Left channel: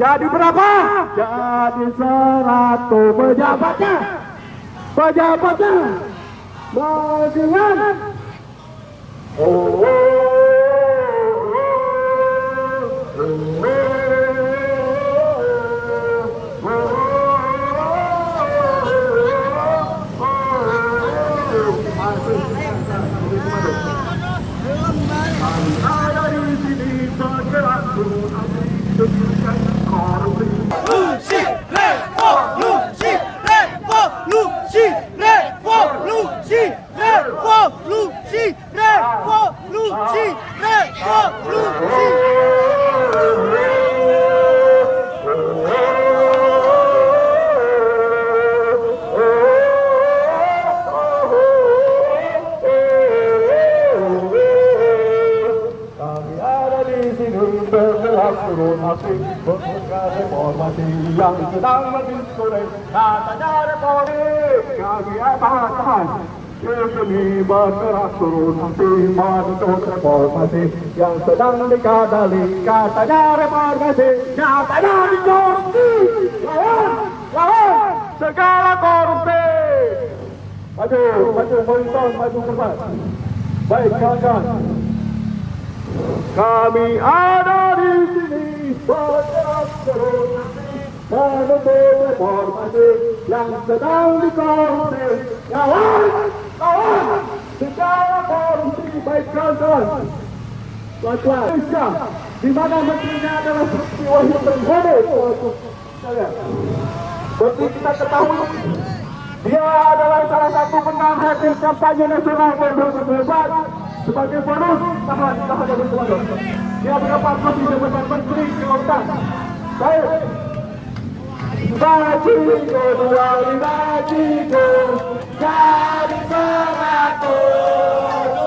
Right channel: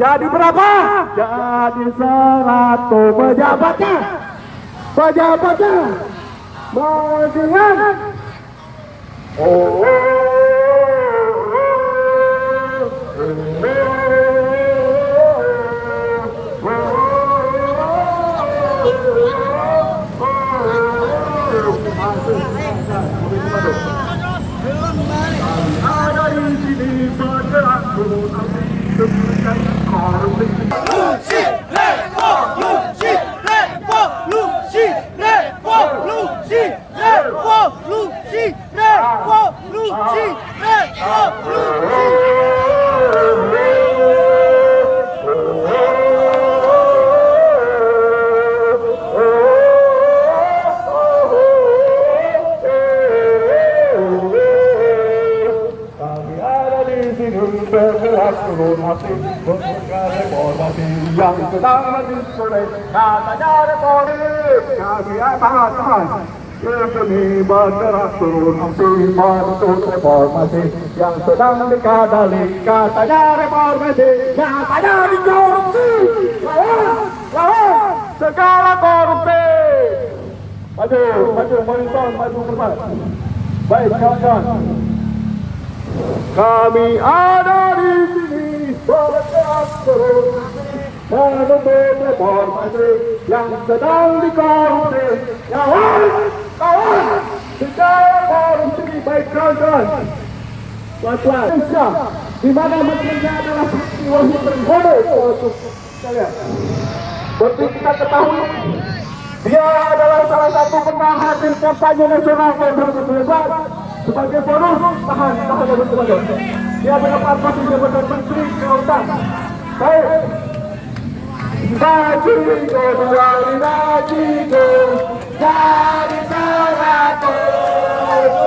Jadi berapa? Jadi 100 pejabatnya. Pejabatnya. Bagian. Oh. Ada di sini bergerak dengan korupsi. Revolusi, revolusi, revolusi, revolusi, revolusi, revolusi. Reformasi yang sedang disurai, katanya reformasi kami akan demi bergerak turun menuntut reformasi yang sedang dikadali, katanya reformasi, katanya dikorupsi, lawan segala korupsi. Maju, maju, baik kawan. Kami ada di sini bergerak terus menuntut reformasi yang sedang dikorupsi. Lawan segala korupsi, baik kawan. Indonesia, di mana menterinya adalah Siti Wahyu Trenggono. Seperti kita ketahui, dia adalah salah satu penang hasil kampanye nasional yang 2019. Sebagai bonus, tahan teman-teman. Dia menempatkan di jabatan Menteri Kelautan. Baik. Gajiku, jadi 100.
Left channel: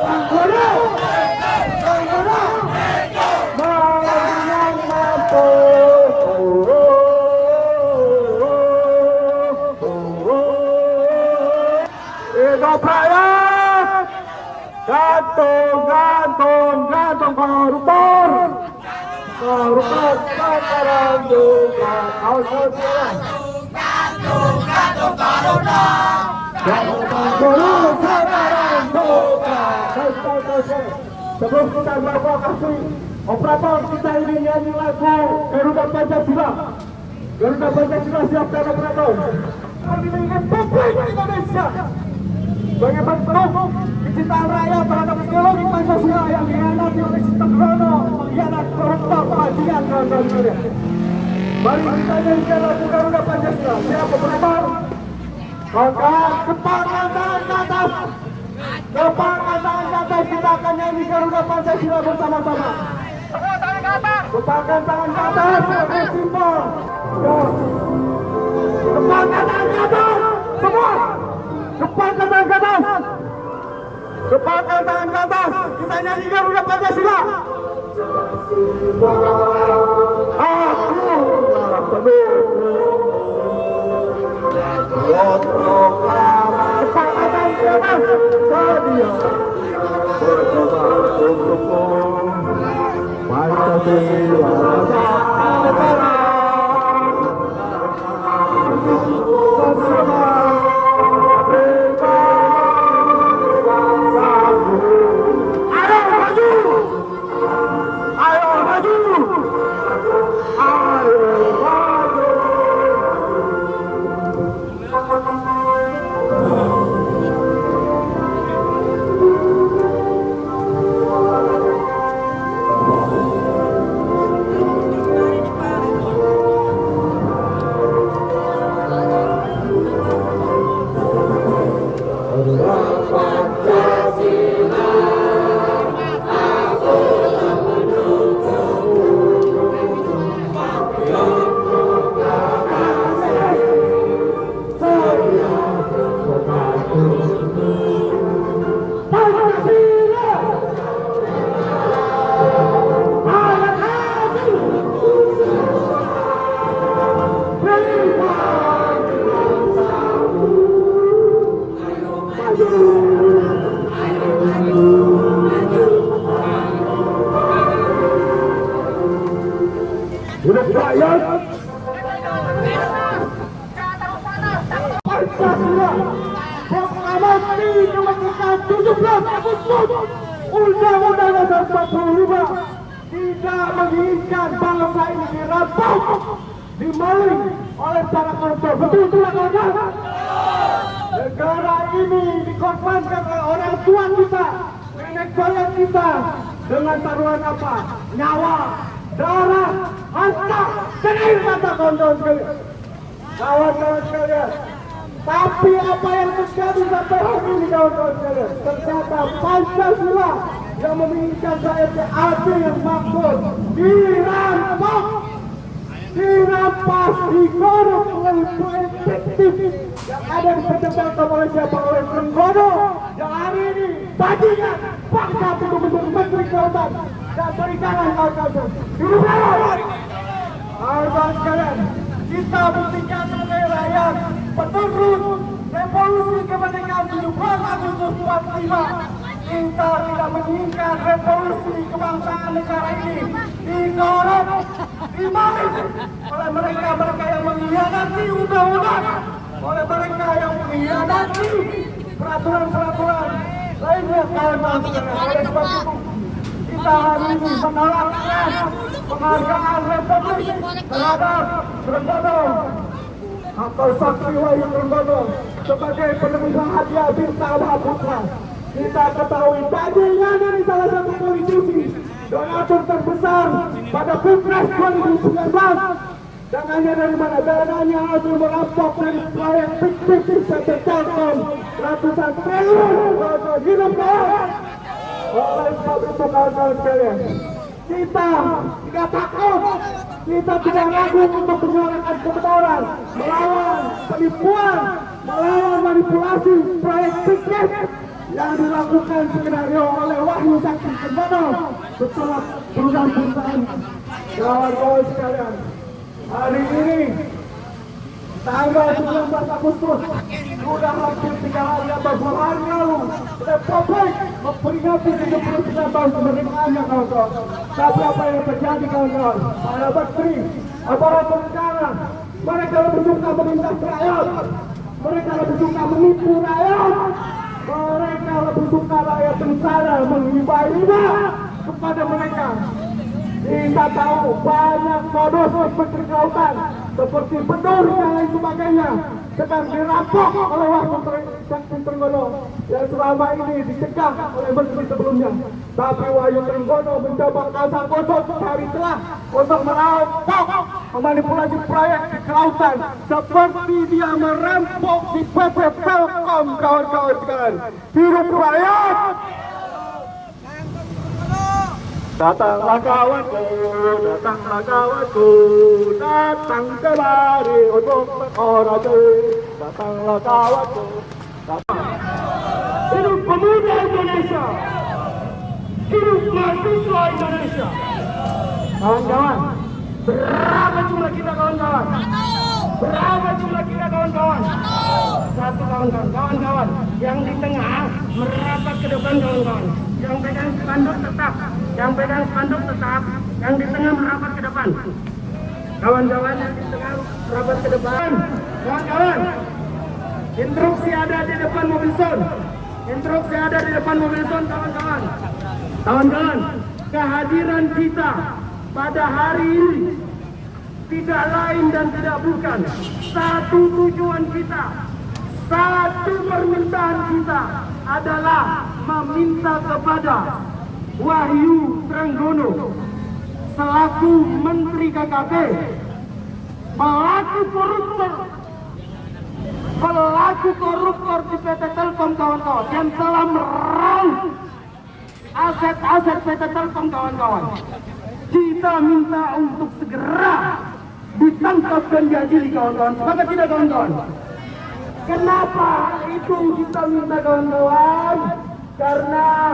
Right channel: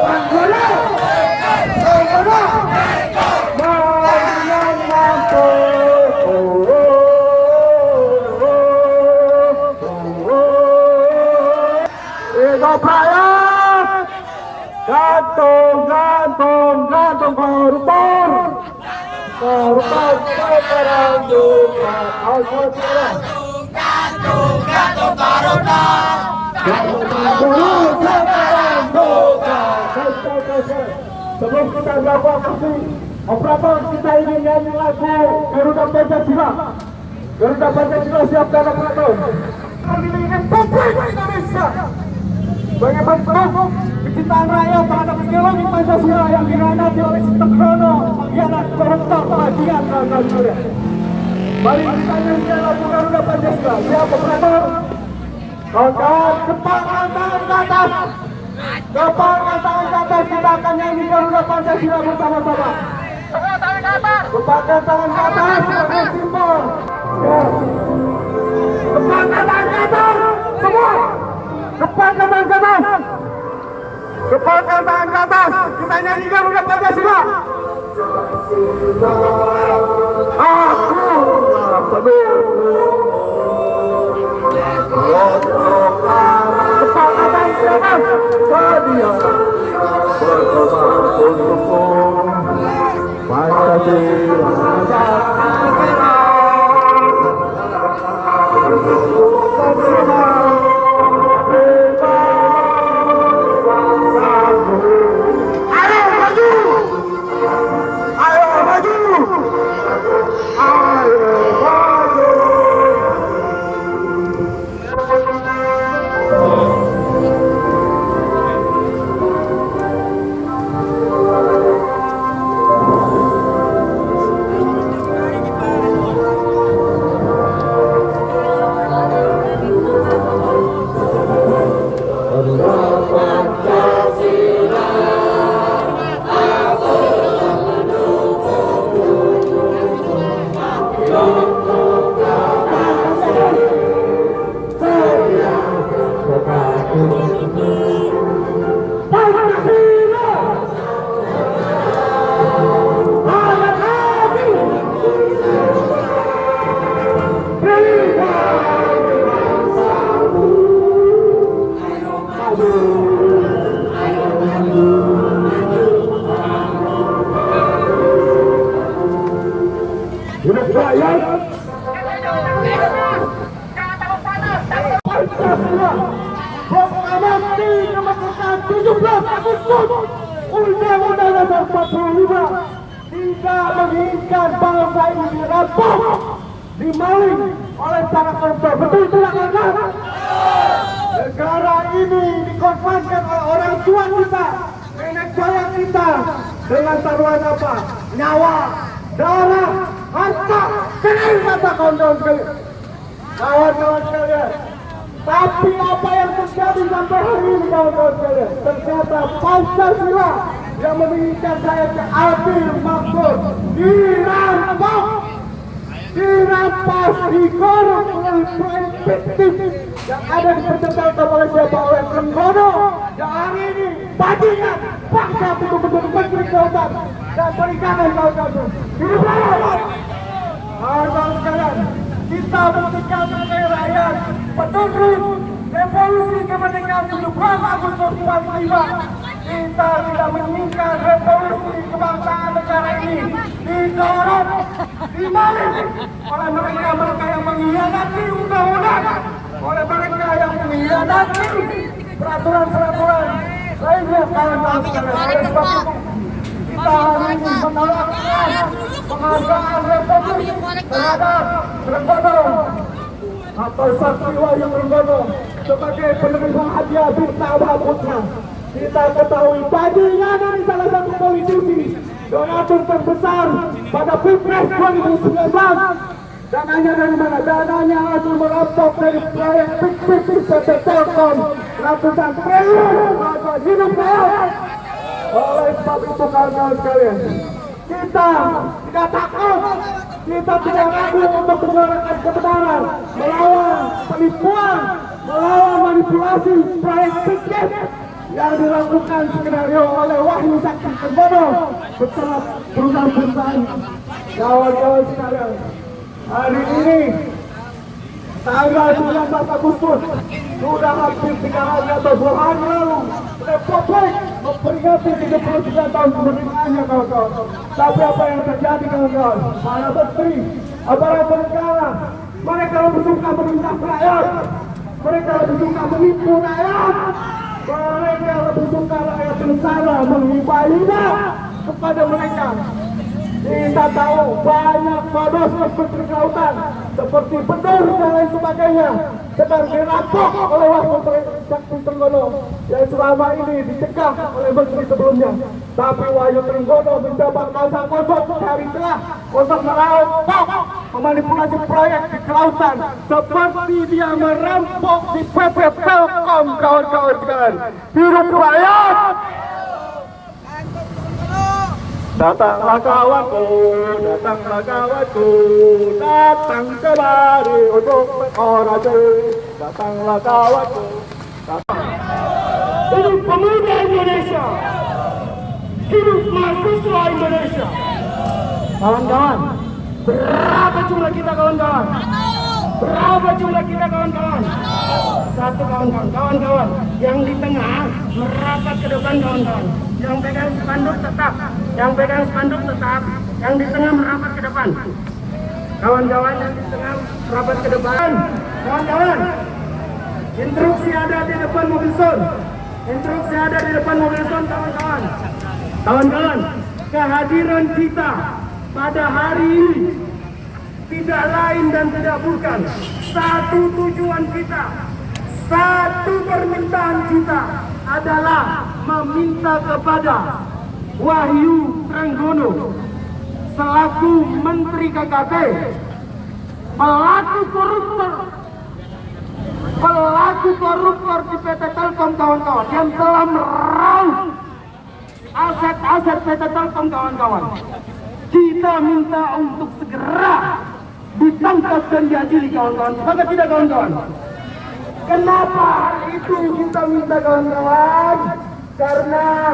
Trenggono. Marian mampu. Gantung koruptor sekarang juga sebelum kita melakukan aksi operator, kita ingin nyanyi lagu Garuda Pancasila. Garuda Pancasila, siap dan operator. Kami ingin Republik Indonesia sebagai bentuk kecintaan rakyat terhadap ideologi Pancasila yang dikhianati oleh sistem Trenggono, pengkhianat, koruptor, bagian dan sebagainya. Mari kita nyanyikan lagu Garuda Pancasila. Siap operator? Kawan, sepakkan tangan ke atas. Sepakkan tangan ke atas. Kita akan nyanyi Garuda Pancasila bersama-sama. Sepakkan tangan ke atas sebagai simbol. Sepakkan tangan ke atas. Semua. Sepakkan tangan ke atas. Sepakkan tangan ke atas. Kita nyanyi Garuda Pancasila. Aku penuh. Sepakkan tangan ke atas. Sedia berkorban untukmu. Pancasila. rakyat. Pancasila proklamasi kemerdekaan 17 Agustus Undang-Undang Dasar 45 tidak menginginkan bangsa ini dirampok, dimaling oleh para koruptor. Betul tidak kawan? Negara ini dikorbankan oleh orang tua kita, nenek moyang kita dengan taruhan apa? Nyawa, darah, harta, dan air mata kawan-kawan sekalian. Kawan-kawan sekalian, tapi apa yang terjadi sampai hari ini kawan-kawan sekalian? Ternyata Pancasila yang menginginkan saya adil makmur dirampas, dikorek oleh proyek fiktif yang ada dipertentangkan oleh siapa? Oleh Trenggono yang hari ini tadinya paksa betul-betul Menteri Kelautan dan Perikanan kawan-kawan. Hidup lawan! Kawan-kawan sekalian, kita buktikan kepada rakyat petunjuk revolusi kemerdekaan 17 Agustus 45. Kita tidak menginginkan revolusi kebangsaan negara ini dikorek, dimaling oleh mereka yang mengkhianati undang-undang, oleh mereka yang mengkhianati peraturan-peraturan lainnya kawan-kawan. Oleh sebab itu kita hari ini menolak penghargaan republik terhadap Trenggono atau Sakti Wahyu Trenggono sebagai penerima hadiah Bintang Putra. Kita ketahui tadinya dari salah satu politisi donatur terbesar pada Pilpres 2019. Dananya dari mana? Dananya hasil merampok dari proyek fiktif PT Telkom ratusan triliun. Hidup saya. Oleh sebab itu kawan-kawan sekalian, kita tidak takut, kita tidak ragu untuk menyuarakan kebenaran, melawan penipuan, melawan manipulasi proyek fiktif yang dilakukan skenario oleh Wahyu Sakti Trenggono bersama perusahaan-perusahaan. Kawan-kawan sekalian, hari ini tanggal 19 Agustus sudah hampir 3 hari atau 2 hari lalu Republik memperingati 79 tahun kemerdekaannya kawan-kawan. Tapi apa yang terjadi kawan-kawan? Ada menteri, aparat negara, mereka lebih suka menindak rakyat, mereka lebih suka menipu rakyat, mereka lebih suka rakyat negara menghibah-hibah kepada mereka. Kita tahu banyak modus Menteri Kelautan seperti Bedur dan lain sebagainya sedang dirampok oleh Wahyu Sakti Trenggono yang selama ini dicegah oleh menteri sebelumnya. Tapi Wahyu Trenggono mencoba kosong hari telah untuk merampok, memanipulasi proyek di kelautan seperti dia merampok di PT Telkom kawan-kawan sekalian. Hidup rakyat! Datanglah kawanku, datanglah kawanku, datang kemari untuk berorasi. Datanglah kawanku. Hidup pemuda Indonesia, hidup mahasiswa Indonesia. Kawan-kawan, berapa jumlah kita kawan-kawan? Berapa jumlah kita kawan-kawan? Satu kawan-kawan, kawan-kawan. Yang di tengah merapat ke depan kawan-kawan. Yang pegang spanduk tetap, yang pegang spanduk tetap, yang di tengah merapat ke depan. Kawan-kawan yang di tengah merapat ke depan. Kawan-kawan, instruksi ada di depan mobil son. Instruksi ada di depan mobil son kawan-kawan. Kawan-kawan, kehadiran kita pada hari ini tidak lain dan tidak bukan satu tujuan kita, satu permintaan kita adalah meminta kepada Wahyu Trenggono selaku Menteri KKP, pelaku koruptor di PT Telkom kawan-kawan yang telah meraup aset-aset PT Telkom kawan-kawan. Kita minta untuk segera ditangkap dan diadili kawan-kawan. Maka tidak kawan-kawan? Kenapa itu kita minta kawan-kawan? Karena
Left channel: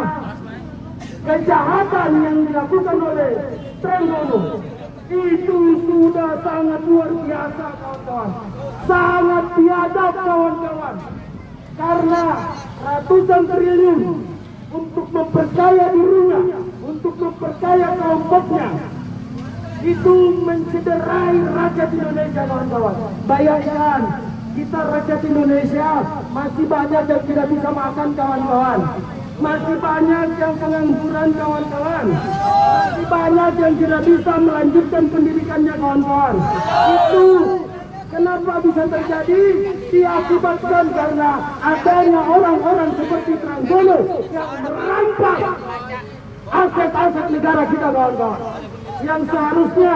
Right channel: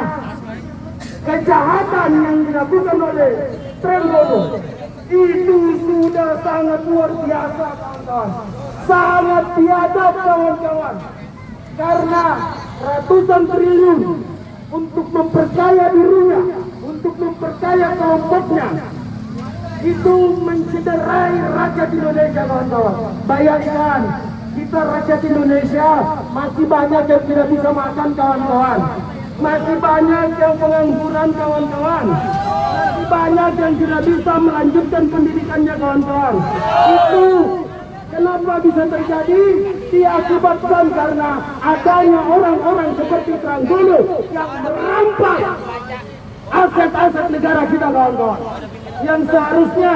kejahatan yang dilakukan oleh Trenggono itu sudah sangat luar biasa kawan-kawan. Sangat biadab kawan-kawan. Karena ratusan triliun untuk memperkaya dirinya, untuk memperkaya kelompoknya. itu mencederai rakyat Indonesia, kawan-kawan. Bayangkan, kita rakyat Indonesia masih banyak yang tidak bisa makan, kawan-kawan. Masih banyak yang pengangguran, kawan-kawan. Masih banyak yang tidak bisa melanjutkan pendidikannya, kawan-kawan. Itu kenapa bisa terjadi? Diakibatkan karena adanya orang-orang seperti Trenggono yang merampas aset-aset negara kita, kawan-kawan. Yang seharusnya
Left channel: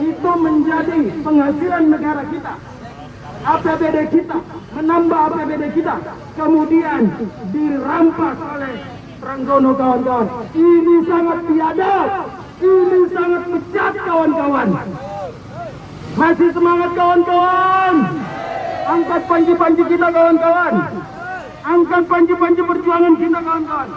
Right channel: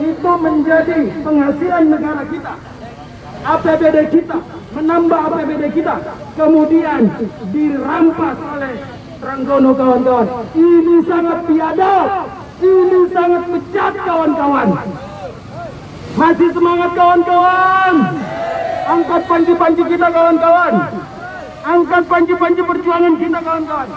itu menjadi penghasilan negara kita, APBD kita, menambah APBD kita, kemudian dirampas oleh Trenggono, kawan-kawan. Ini sangat biadab, ini sangat bejat, kawan-kawan. Masih semangat, kawan-kawan. Angkat panji-panji kita, kawan-kawan. Angkat panji-panji perjuangan kita, kawan-kawan.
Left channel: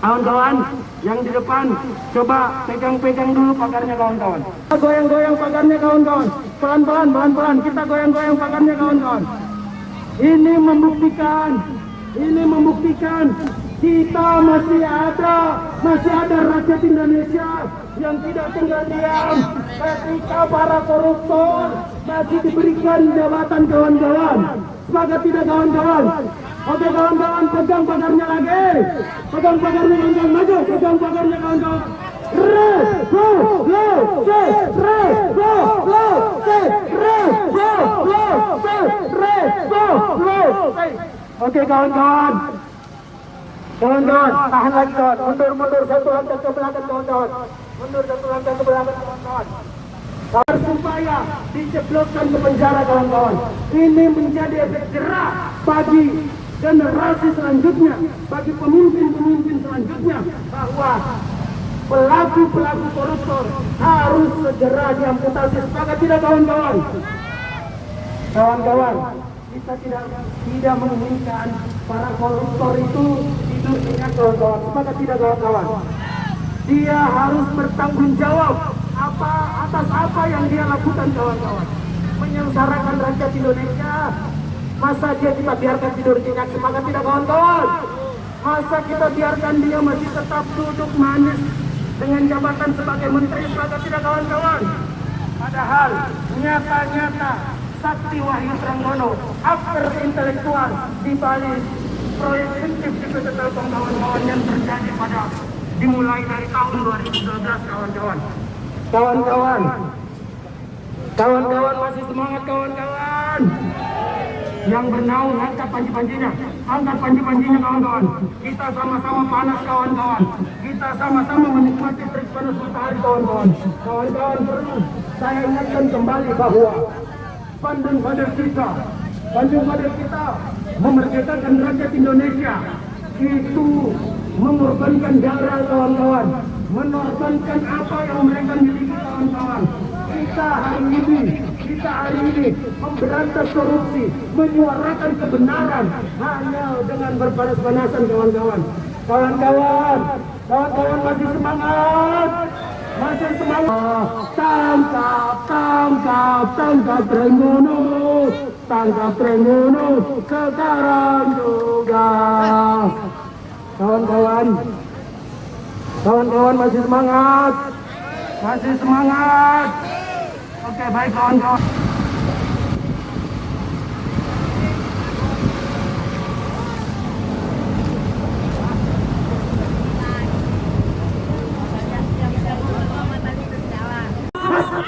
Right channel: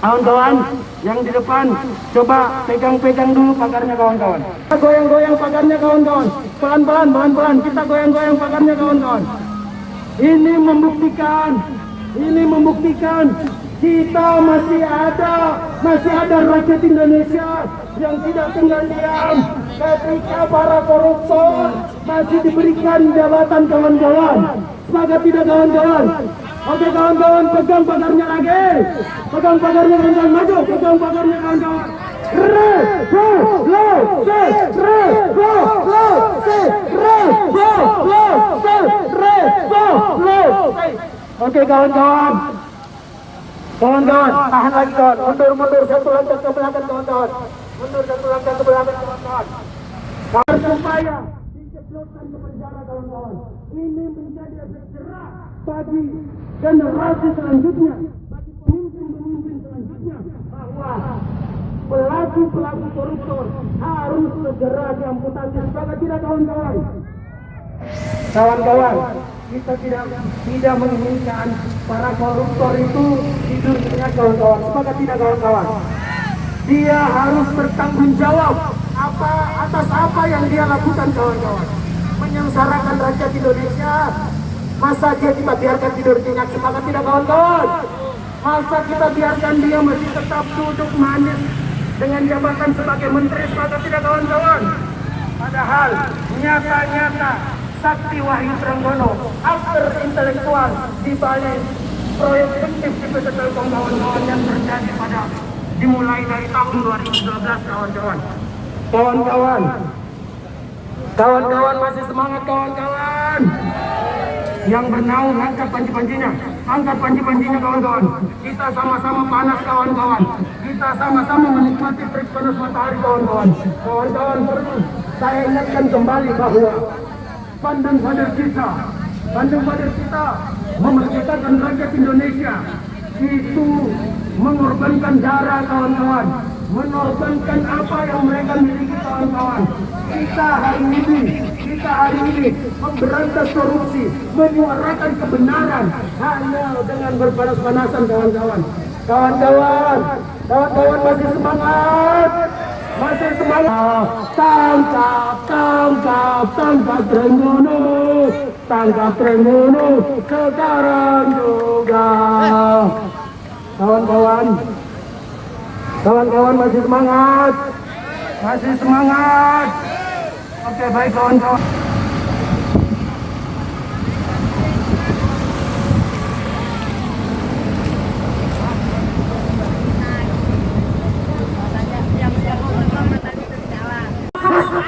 Kawan-kawan, yang di depan, coba pegang-pegang dulu pagarnya, kawan-kawan. Kita goyang-goyang pagarnya, kawan-kawan. Pelan-pelan, pelan-pelan, kita goyang-goyang pagarnya, kawan-kawan. Ini membuktikan kita masih ada rakyat Indonesia yang tidak tinggal diam ketika para koruptor masih diberikan jabatan, kawan-kawan. Sepakat tidak, kawan-kawan? Oke, kawan-kawan, pegang pagarnya lagi. Pegang pagarnya, kawan-kawan, maju. Pegang pagarnya, kawan-kawan. Oke, kawan-kawan. Kawan-kawan, tahan lagi, kawan. Mundur satu langkah ke belakang, kawan-kawan. Mundur satu langkah ke belakang, kawan-kawan. Supaya dijebloskan ke penjara, kawan-kawan. Ini menjadi efek jerah bagi generasi selanjutnya, bagi pemimpin-pemimpin selanjutnya, bahwa pelaku-pelaku koruptor harus segera diamputasi. Sepakat tidak, kawan-kawan? Kawan-kawan, kita tidak menginginkan para koruptor itu hidupnya, kawan-kawan. Sepakat tidak, kawan-kawan? Dia harus bertanggung jawab atas apa yang dia lakukan, kawan-kawan. Menyengsarakan rakyat Indonesia. Masa dia kita biarkan tidur tunak? Sepakat tidak, kawan-kawan? Masa kita biarkan dia masih tetap duduk manis dengan jabatan sebagai menteri? Sepakat tidak, kawan-kawan? Padahal nyata-nyata Sakti Wahyu Trenggono, aktor intelektual di balik proyek fiktif di PT Telkom, kawan-kawan, yang terjadi dimulai dari tahun 2012, kawan-kawan. Kawan-kawan masih semangat, kawan-kawan. Yang bernaung, angkat panji-panjinya, kawan-kawan. Kita sama-sama panas, kawan-kawan. Kita sama-sama menikmati terik panas matahari, kawan-kawan. Kawan-kawan, perlu saya ingatkan kembali bahwa Bandung Father kita memerdekakan rakyat Indonesia itu mengorbankan darah, kawan-kawan, mengorbankan apa yang mereka miliki, kawan-kawan. Kita hari ini memberantas korupsi, menyuarakan kebenaran hanya dengan berpanas-panasan, kawan-kawan. Kawan-kawan masih semangat. Tangkap Trenggono, sekarang juga. Kawan-kawan masih semangat. Oke, baik, kawan-kawan.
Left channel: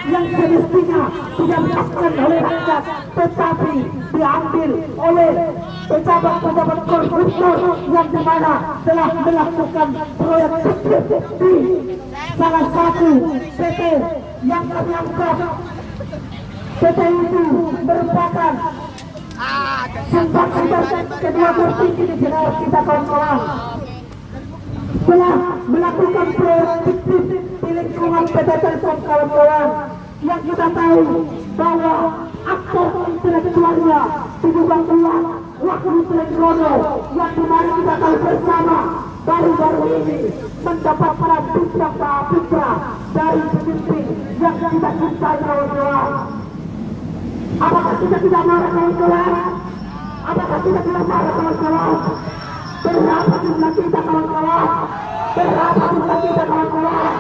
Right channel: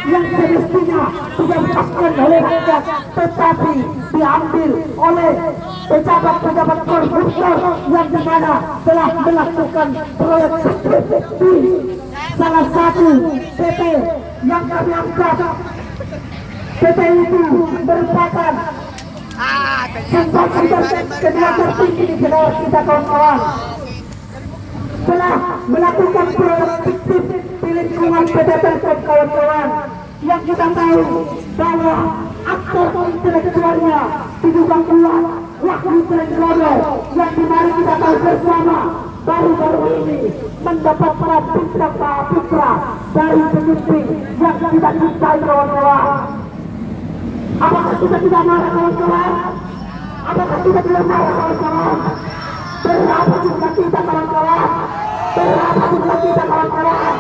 Yang semestinya didapatkan oleh rakyat, tetapi diambil oleh pejabat-pejabat koruptor yang dimana telah melakukan proyek di salah satu PT yang kami anggap PT itu merupakan sumber kedua tertinggi di negara kita, kawan-kawan. Telah melakukan proyek fiktif di lingkungan PT Telkom, kawan-kawan, yang kita tahu bahwa aktor intelektualnya diduga kuat Wahyu Trenggono, yang dimana kita tahu bersama baru-baru ini mendapat peran putra dari pemimpin yang kita cintai, kawan-kawan. Apakah sudah tidak marah, kawan-kawan? Apakah sudah tidak marah, kawan-kawan? Berapa jumlah kita, kawan-kawan? Berapa jumlah kita, kawan-kawan?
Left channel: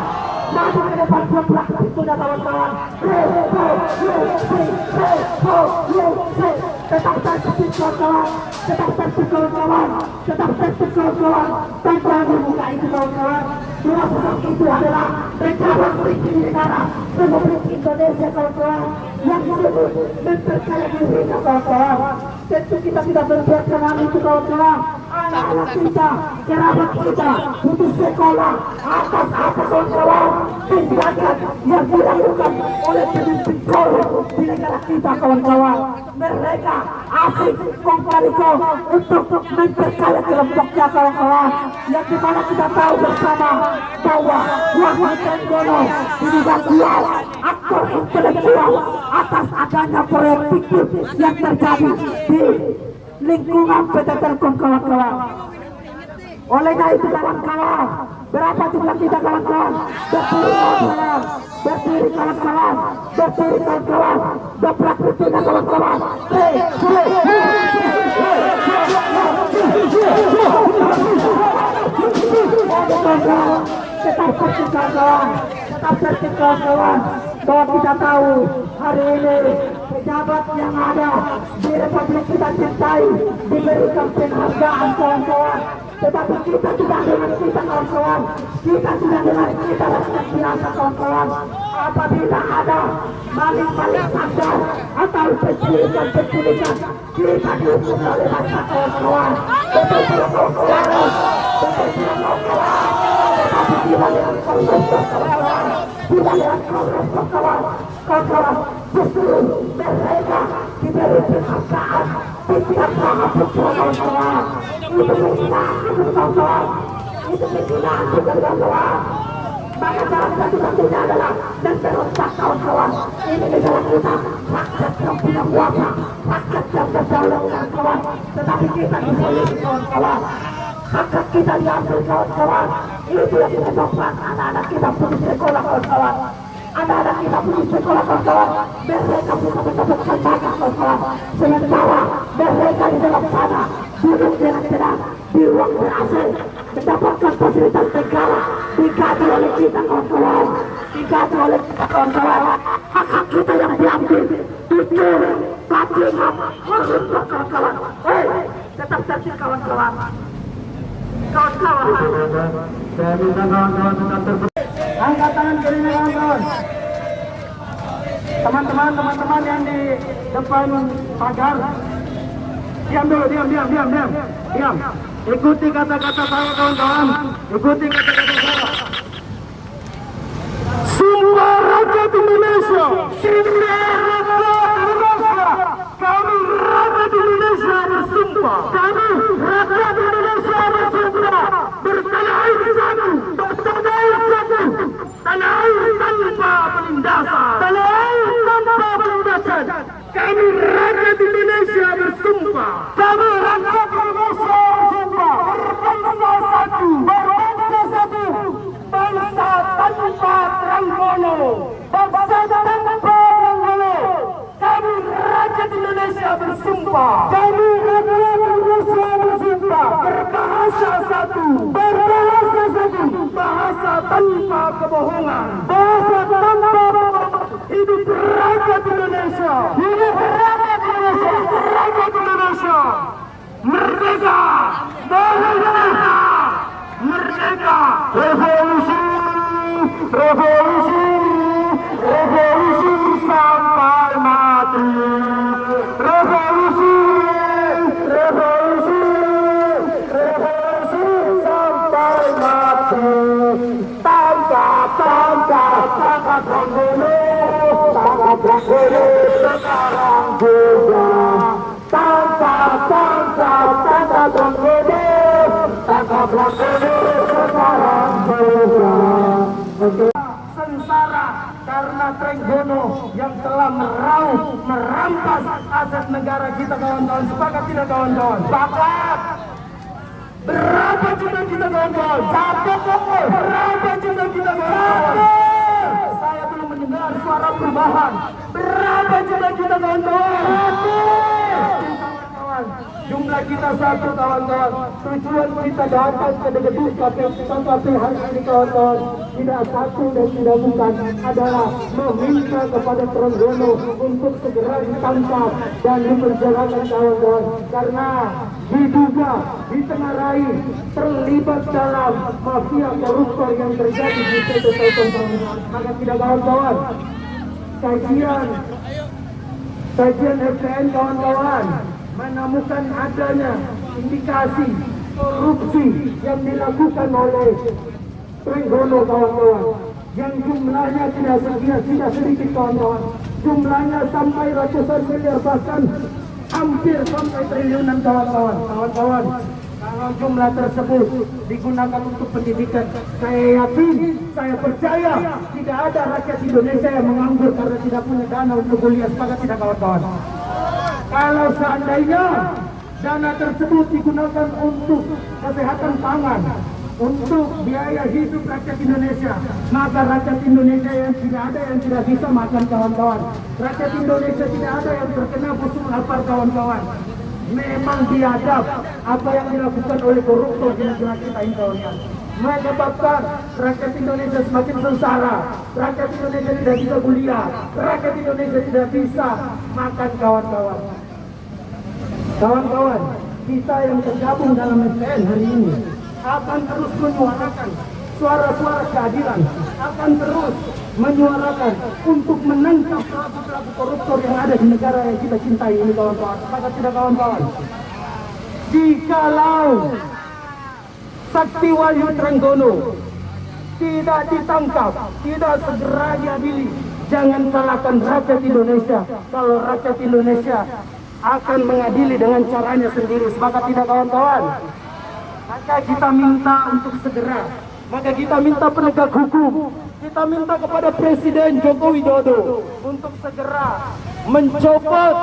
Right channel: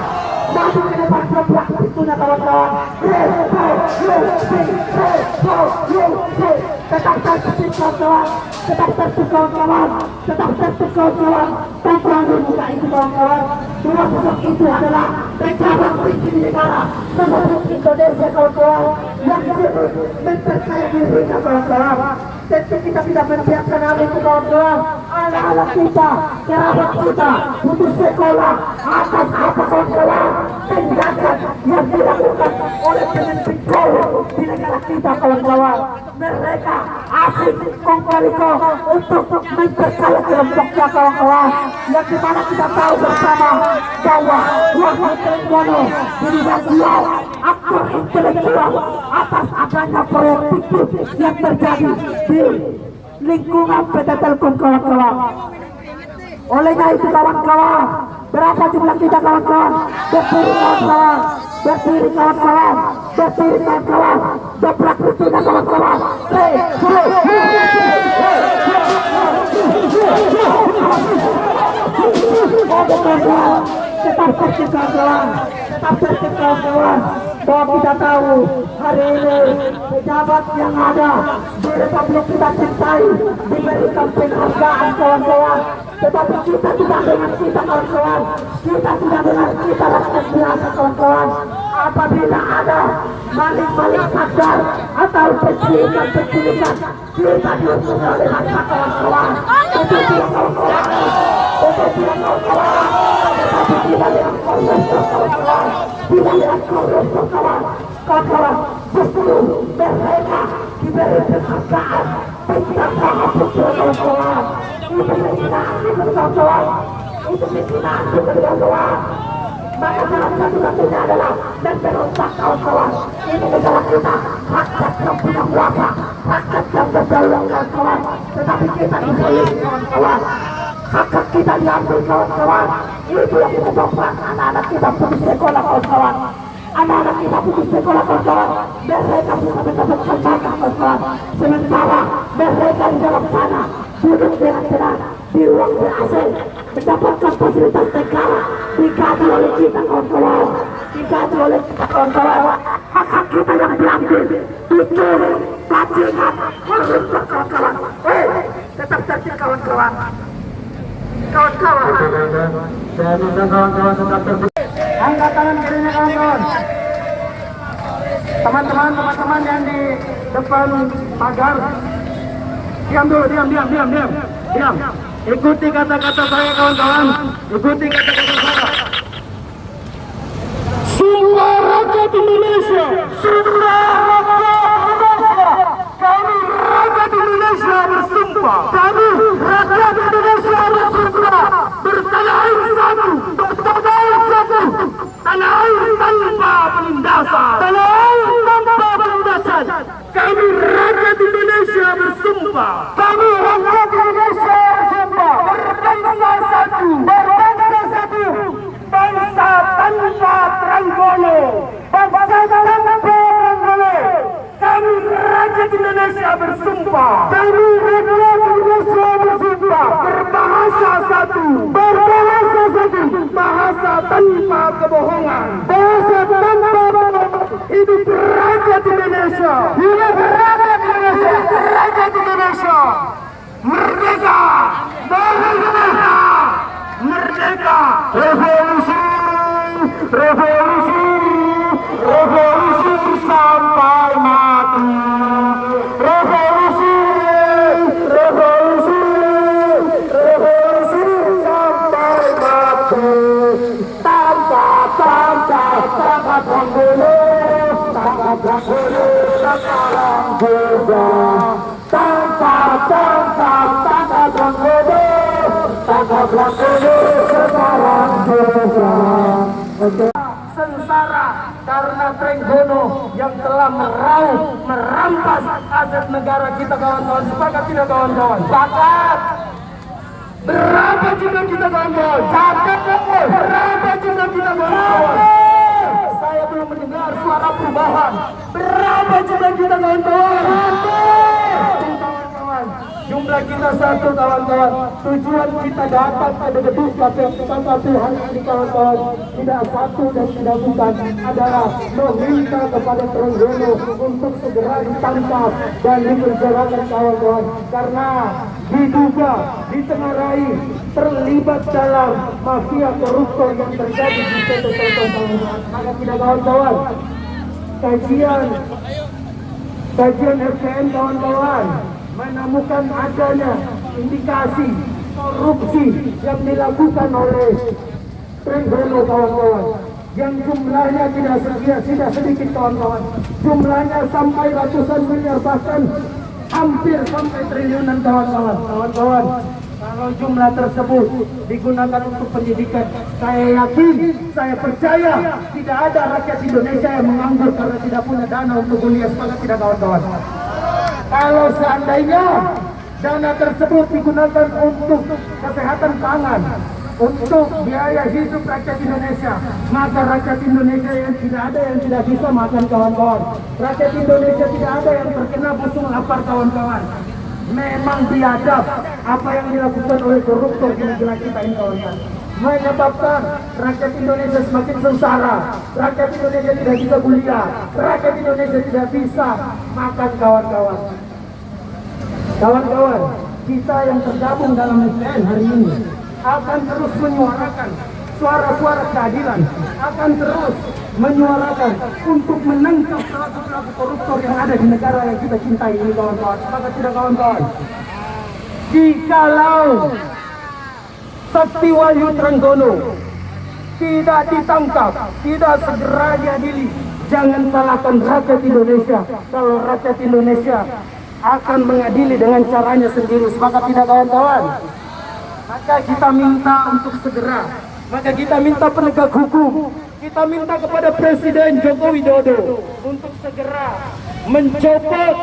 Maju ke depan, bergerak tentunya kawan-kawan revolusi, tetap tertib kawan-kawan, tetap tertib kawan-kawan, tetap tertib kawan-kawan. Tanpa dibuka itu kawan-kawan, dua sosok itu adalah pejabat tinggi negara Republik Indonesia kawan-kawan yang mempercaya diri kawan-kawan. Tentu kita tidak membiarkan hal itu kawan-kawan. Anak-anak kita, kerabat kita putus sekolah atas apa kawan-kawan tindakan yang dilakukan oleh pemimpin di negara kita kawan-kawan. Mereka asik mengkariko untuk memperkaya kelompoknya kawan-kawan, yang dimana kita tahu bersama bahwa Wahid Trenggono dirinya dia aktor intelektual atas adanya proyek fiktif yang terjadi di lingkungan PT Telkom kawan-kawan. Oleh karena itu kawan-kawan, berapa jumlah kita kawan-kawan? Berdiri kawan-kawan, berdiri kawan-kawan, berdiri kawan-kawan, dobrak pintunya kawan-kawan. Tetap tertib kawan-kawan, tetap tertib kawan-kawan. Bahwa kita tahu hari ini pejabat yang ada di Republik kita cintai diberikan penghargaan kawan-kawan, tetapi kita tidak dengan kita kawan-kawan, kita tidak dengan kita rakyat biasa kawan-kawan. Apabila ada maling-maling sadar atau penculikan, kita dihukum oleh masa kawan-kawan. Tetapi kawan-kawan, tetapi kita yang kawan-kawan, tidak yang kawan-kawan, justru mereka diberi penghargaan tidak tahap kawan-kawan. Itu penghinaan kawan-kawan, itu penghinaan kawan-kawan. Maka jalan satu-satunya adalah memperompak kawan-kawan. Ini negara kita, rakyat yang punya kuasa, rakyat yang berdaulat kawan-kawan. Tetapi kita dibeli kawan-kawan, hak kita diambil kawan-kawan. Itu yang menyebabkan anak-anak kita putus sekolah kawan-kawan. Anak-anak kita putus sekolah kawan-kawan. Mereka bisa mendapatkan banyak kawan-kawan. Sementara mereka di dalam sana duduk dengan tenang di ruang AC, mendapatkan fasilitas negara, digaji oleh kita kawan-kawan, digaji oleh kita kawan-kawan. Hak-hak kita yang diambil, dikirim, bajingan, merusak kawan-kawan. Tetap tertib kawan-kawan. Kawan-kawan. Saya minta kawan-kawan tetap tertib. Angkat tangan kirinya kawan-kawan. Teman-teman yang di depan pagar, diam dulu, diam. Ikuti kata-kata saya kawan-kawan, ikuti kata-kata saya. Sumpah rakyat Indonesia, sumpah kami rakyat Indonesia bersumpah, kami rakyat Indonesia bersumpah bertanah air satu, bertanah air satu, tanah air tanpa penindasan, tanah air tanpa penindasan. Kami rakyat Indonesia bersumpah, kami rakyat Indonesia bersumpah berbangsa satu, bangsa tanpa Trenggono, bangsa tanpa Trenggono. Kami rakyat Indonesia bersumpah, kami rakyat Indonesia bersumpah berbahasa satu, bahasa tanpa kebohongan, bahasa tanpa kebohongan. Hidup rakyat Indonesia, hidup rakyat Indonesia, rakyat Indonesia merdeka, merdeka, merdeka. Revolusi, revolusi, revolusi sampai mati. Revolusi, revolusi, revolusi sampai mati. Tanpa Trenggono, tanpa Trenggono sekarang juga. Tanpa Trenggono, tanpa Trenggono sekarang juga. Sengsara karena Trenggono yang telah merampas aset negara kita kawan-kawan. Sepakat tidak kawan-kawan? Sepakat. Berapa jumlah kita kawan-kawan? Berapa jumlah kita kawan-kawan? Saya belum mendengar suara perubahan. Berapa jumlah kita kawan-kawan? Jumlah kita satu kawan-kawan. Tujuan kita datang pada gedung KPU hari ini kawan-kawan tidak satu dan tidak bukan adalah meminta kepada Trenggono untuk segera ditangkap dan dipenjarakan kawan-kawan karena diduga ditengarai terlibat dalam mafia koruptor yang terjadi di PT Telkom. Maka tidak kawan-kawan, kajian FPN kawan-kawan menemukan adanya indikasi korupsi yang dilakukan oleh Trenggono kawan-kawan yang jumlahnya tidak sedikit kawan-kawan, jumlahnya sampai ratusan miliar bahkan hampir sampai triliunan kawan-kawan. Kalau jumlah tersebut digunakan untuk pendidikan, saya yakin, saya percaya tidak ada rakyat Indonesia yang menganggur karena tidak punya dana untuk kuliah. Sepakat tidak kawan-kawan? Kalau seandainya dana tersebut digunakan untuk kesehatan pangan, untuk biaya hidup rakyat Indonesia, maka rakyat Indonesia yang tidak ada yang tidak bisa makan kawan-kawan. Rakyat Indonesia tidak ada yang terkena busung lapar kawan-kawan. Memang biadab apa yang dilakukan oleh koruptor di negara kita ini kawan-kawan, menyebabkan rakyat Indonesia semakin sengsara, rakyat Indonesia tidak bisa kuliah, rakyat Indonesia tidak bisa makan kawan-kawan. Kawan-kawan, kita yang tergabung dalam SPN hari ini akan terus menyuarakan suara-suara keadilan, akan terus menyuarakan untuk menangkap pelaku-pelaku koruptor yang ada di negara yang kita cintai ini kawan-kawan. Maka tidak kawan-kawan, jikalau Sakti Wahyu Trenggono tidak ditangkap, tidak segera diadili, jangan salahkan rakyat Indonesia kalau rakyat Indonesia akan mengadili dengan caranya sendiri. Sepakat tidak kawan-kawan? Maka kita minta untuk segera, maka kita minta penegak hukum, kita minta kepada Presiden Joko Widodo untuk segera mencopot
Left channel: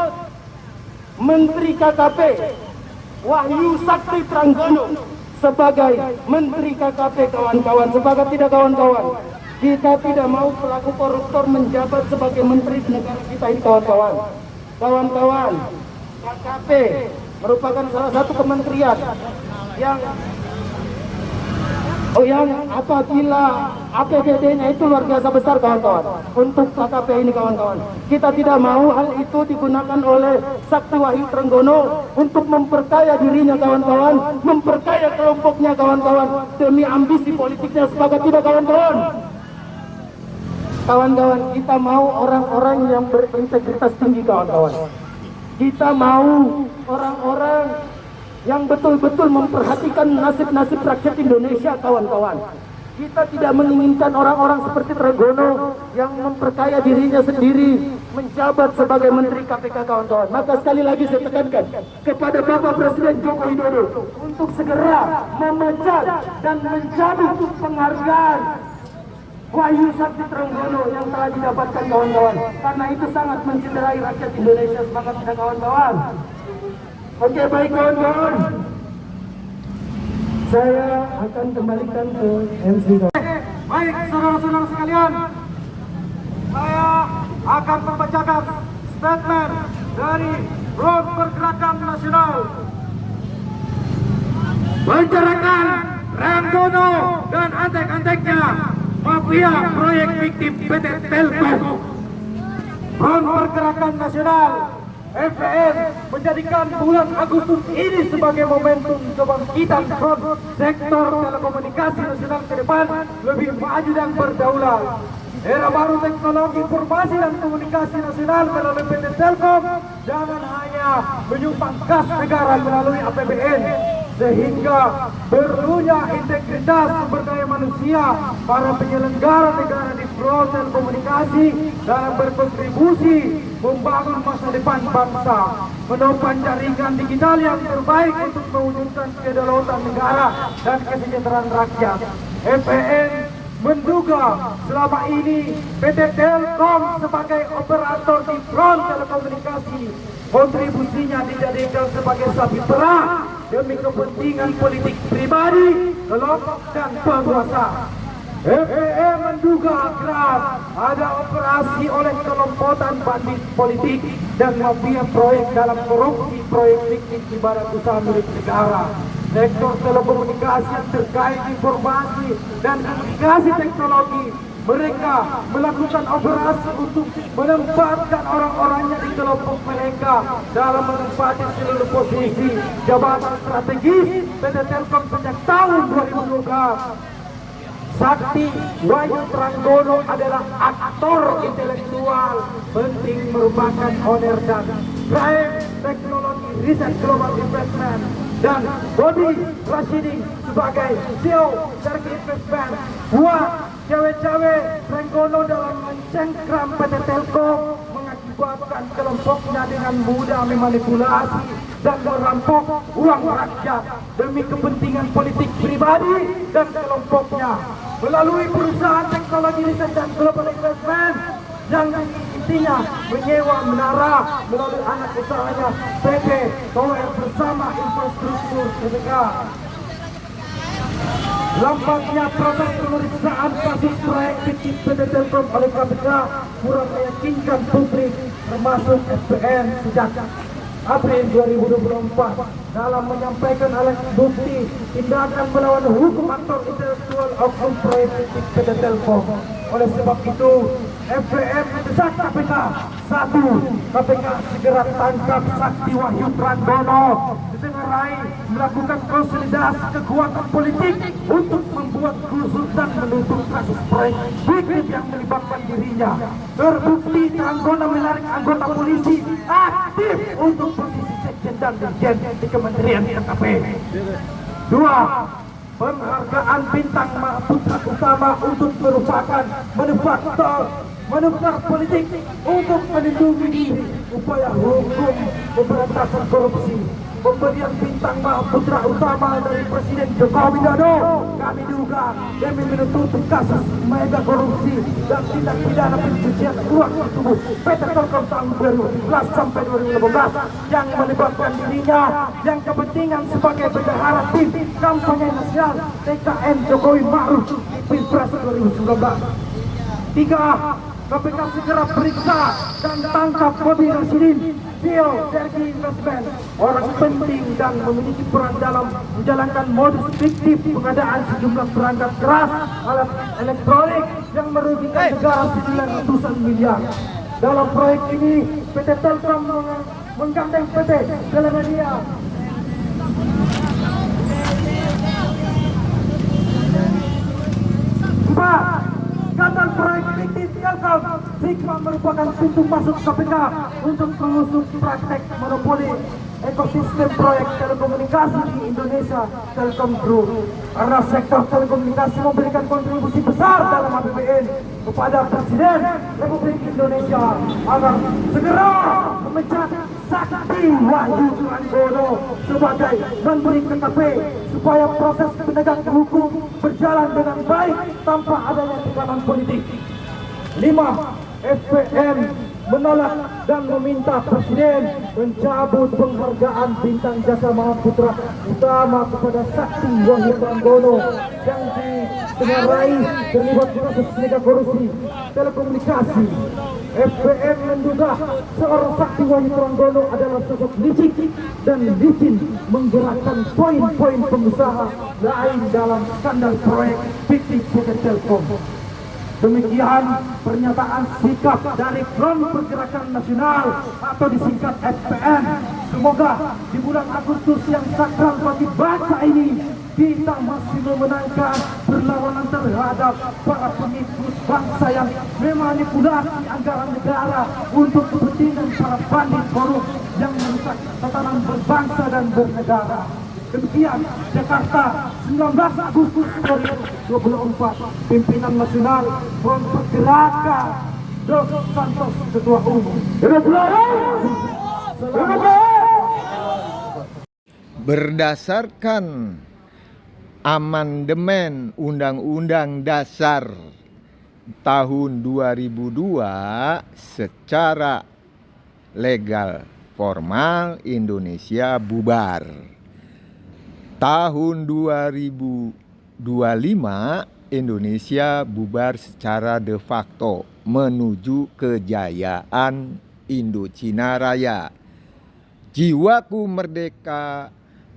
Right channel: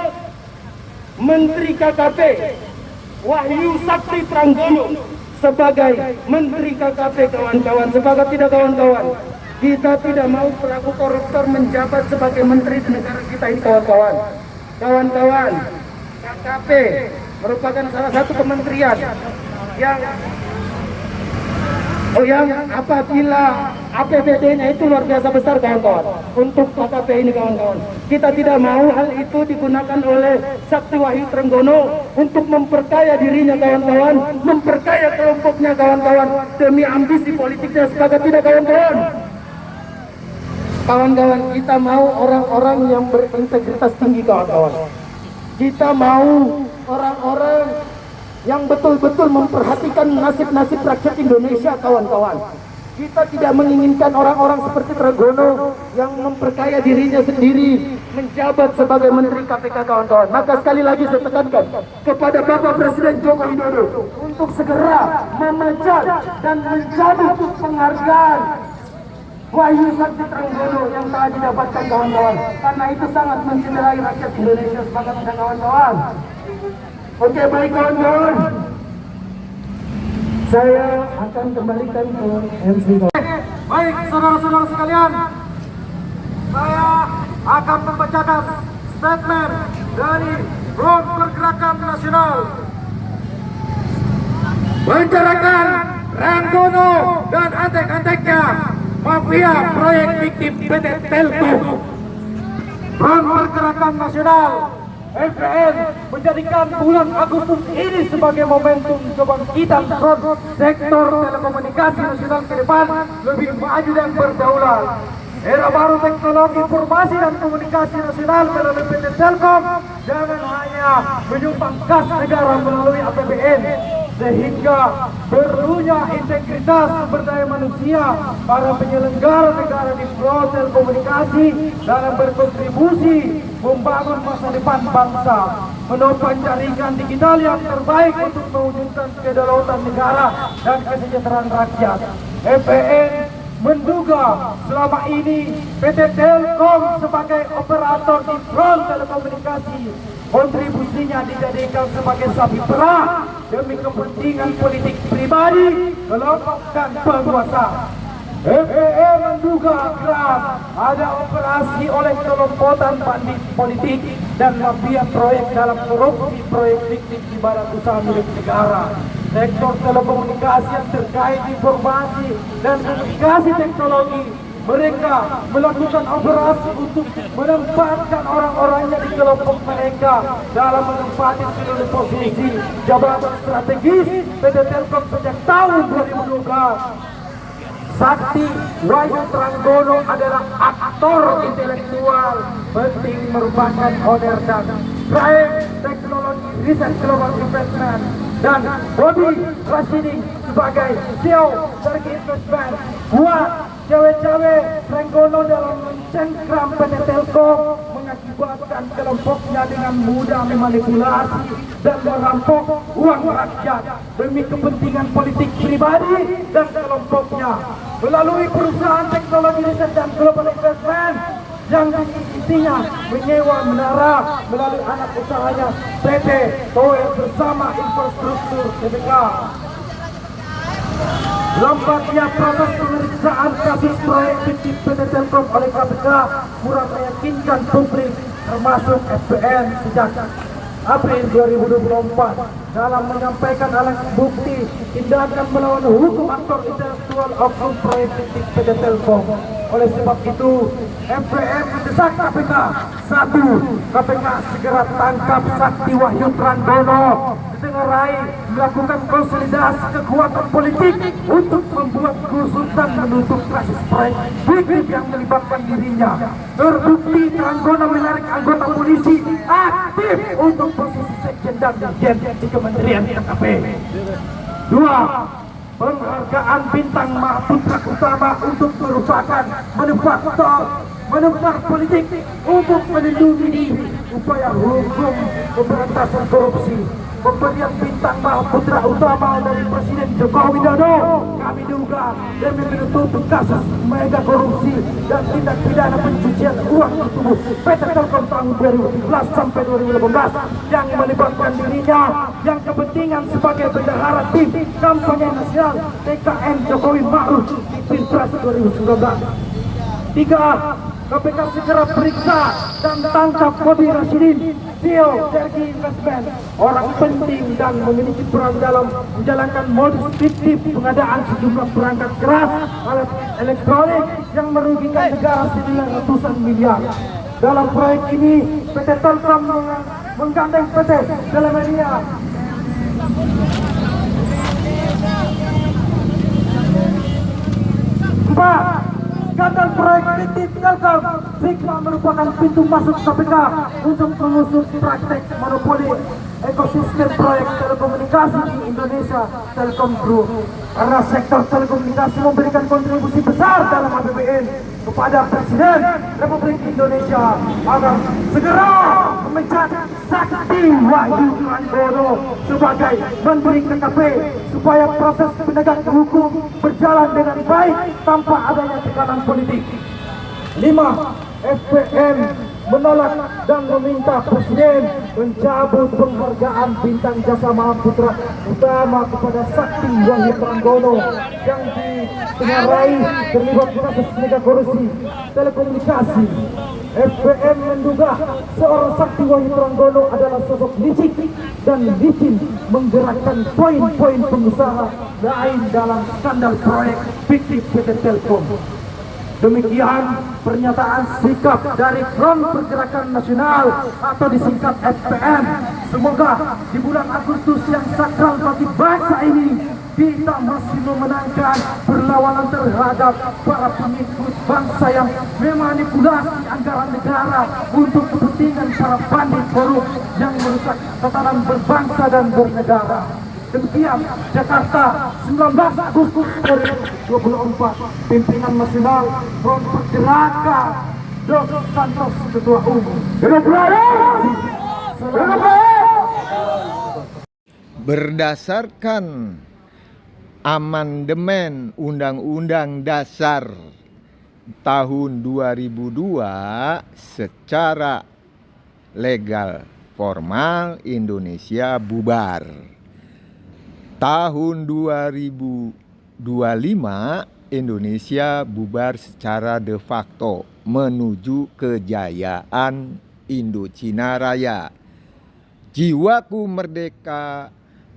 Menteri KKP Wahyu Sakti Trenggono sebagai Menteri KKP kawan-kawan. Sepakat tidak kawan-kawan? Kita tidak mau pelaku koruptor menjabat sebagai menteri di negara kita ini kawan-kawan. Kawan-kawan, KKP merupakan salah satu kementerian yang apabila APBD-nya itu luar biasa besar kawan-kawan untuk KKP ini kawan-kawan. Kita tidak mau hal itu digunakan oleh Sakti Wahyu Trenggono untuk memperkaya dirinya kawan-kawan, memperkaya kelompoknya kawan-kawan demi ambisi politiknya. Sepakat tidak kawan-kawan? Kawan-kawan, kita mau orang-orang yang berintegritas tinggi kawan-kawan. Kita mau orang-orang yang betul-betul memperhatikan nasib-nasib rakyat Indonesia kawan-kawan. Kita tidak menginginkan orang-orang seperti Trenggono yang memperkaya dirinya sendiri menjabat sebagai Menteri KPK kawan-kawan. Maka sekali lagi saya tekankan kepada Bapak Presiden Joko Widodo untuk segera memecat dan mencabut penghargaan Wahyu Sakti Trenggono yang telah didapatkan kawan-kawan, karena itu sangat mencederai rakyat Indonesia. Sepakat tidak kawan-kawan? Oke, baik kawan-kawan, saya akan kembalikan ke MC. Baik saudara-saudara sekalian, saya akan membacakan statement dari Front Pergerakan Nasional. Penjarakan Trenggono dan antek-anteknya mafia proyek fiktif PT Telkom. Front Pergerakan Nasional FPN menjadikan bulan Agustus ini sebagai momentum kebangkitan front sektor telekomunikasi nasional ke depan lebih maju dan berdaulat. Era baru teknologi informasi dan komunikasi nasional melalui PT Telkom jangan hanya menyumbang kas negara melalui APBN, sehingga perlunya integritas sumber daya manusia para penyelenggara negara di front telekomunikasi dalam berkontribusi membangun masa depan bangsa, menopang jaringan digital yang terbaik untuk mewujudkan kedaulatan negara dan kesejahteraan rakyat. FPN menduga selama ini PT Telkom sebagai operator di front telekomunikasi kontribusinya dijadikan sebagai sapi perah demi kepentingan politik pribadi, kelompok dan penguasa. FPM menduga keras ada operasi oleh kelompokan bandit politik dan mafia proyek dalam korupsi proyek fiktif di badan usaha milik negara. Sektor telekomunikasi yang terkait informasi dan komunikasi teknologi, mereka melakukan operasi untuk menempatkan orang-orangnya di kelompok mereka dalam menempati seluruh posisi jabatan strategis PT Telkom sejak tahun 2012. Sakti Wahyu Tranggono adalah aktor intelektual penting merupakan owner dan proyek teknologi riset global investment, dan Bobby Rashidi sebagai CEO dari investment. Buat cewek-cewek Tranggono dalam mencengkram PT Telkom mengakibatkan kelompoknya dengan mudah memanipulasi dan merampok uang rakyat demi kepentingan politik pribadi dan kelompoknya melalui perusahaan teknologi riset dan global investment yang intinya menyewa menara melalui anak usahanya PT Tower bersama infrastruktur TBK. Lambatnya proses pemeriksaan kasus proyek fiktif PT Telkom oleh KPK kurang meyakinkan publik termasuk FPM sejak April 2024 dalam menyampaikan alat bukti tindakan melawan hukum aktor intelektual oknum proyek fiktif PT Telkom. Oleh sebab itu, FPM mendesak KPK. 1. KPK segera tangkap Sakti Wahyu Tranggono, disengarai melakukan konsolidasi kekuatan politik untuk membuat kerusuhan menutup kasus proyek fiktif yang melibatkan dirinya. Terbukti Tranggono menarik anggota polisi aktif untuk posisi sekjen dan dirjen di Kementerian KKP. 2. Penghargaan bintang Mahaputra Utama untuk merupakan manufaktur politik untuk melindungi diri. Upaya hukum pemberantasan korupsi, pemberian bintang Mahaputra Utama dari Presiden Joko Widodo kami duga demi menutupi kasus mega korupsi dan tindak pidana pencucian uang di tubuh PT Telkom tahun 2017 sampai 2018 yang melibatkan dirinya yang kepentingan sebagai bendahara tim kampanye nasional TKN Jokowi Ma'ruf di Pilpres 2019. 3. KPK segera periksa dan tangkap Bobby Rashidi, CEO dari Investment, orang penting dan memiliki peran dalam menjalankan modus fiktif pengadaan sejumlah perangkat keras alat elektronik yang merugikan negara senilai ratusan miliar. Dalam proyek ini, PT Telkom menggandeng PT Telemedia. 4. Skandal proyek fiktif Telkom segera merupakan pintu masuk KPK untuk mengusut praktek monopoli ekosistem proyek telekomunikasi di Indonesia, Telkom Group. Karena sektor telekomunikasi memberikan kontribusi besar dalam APBN kepada Presiden Republik Indonesia agar segera memecat Sakti Wahyu Tranggono sebagai Menteri KKP supaya proses penegakan hukum berjalan dengan baik tanpa adanya tekanan politik. 5. FPM menolak dan meminta Presiden mencabut penghargaan bintang jasa Mahaputra Utama kepada Sakti Wahyu Tranggono yang ditengarai terlibat kasus mega korupsi telekomunikasi. FPM menduga seorang Sakti Wahyu Tranggono adalah sosok licik dan licin menggerakkan poin-poin pengusaha lain dalam skandal proyek fiktif PT Telkom. Demikian pernyataan sikap dari Front Pergerakan Nasional atau disingkat FPN. Semoga di bulan Agustus yang sakral bagi bangsa ini kita masih memenangkan perlawanan terhadap para pengikut bangsa yang memanipulasi anggaran negara untuk kepentingan para bandit korup yang merusak tatanan berbangsa dan bernegara. Demikian Jakarta 19 Agustus 2024. Pimpinan Nasional Front Pergerakan Dos Santos Ketua Umum. Berdasarkan amandemen Undang-Undang Dasar tahun 2002 secara legal formal Indonesia bubar. Tahun 2025 Indonesia bubar secara de facto menuju kejayaan Indochina Raya. Jiwaku merdeka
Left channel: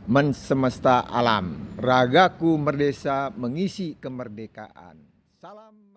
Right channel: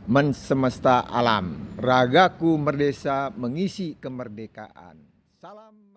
mensemesta alam, ragaku merdesa mengisi kemerdekaan. Salam.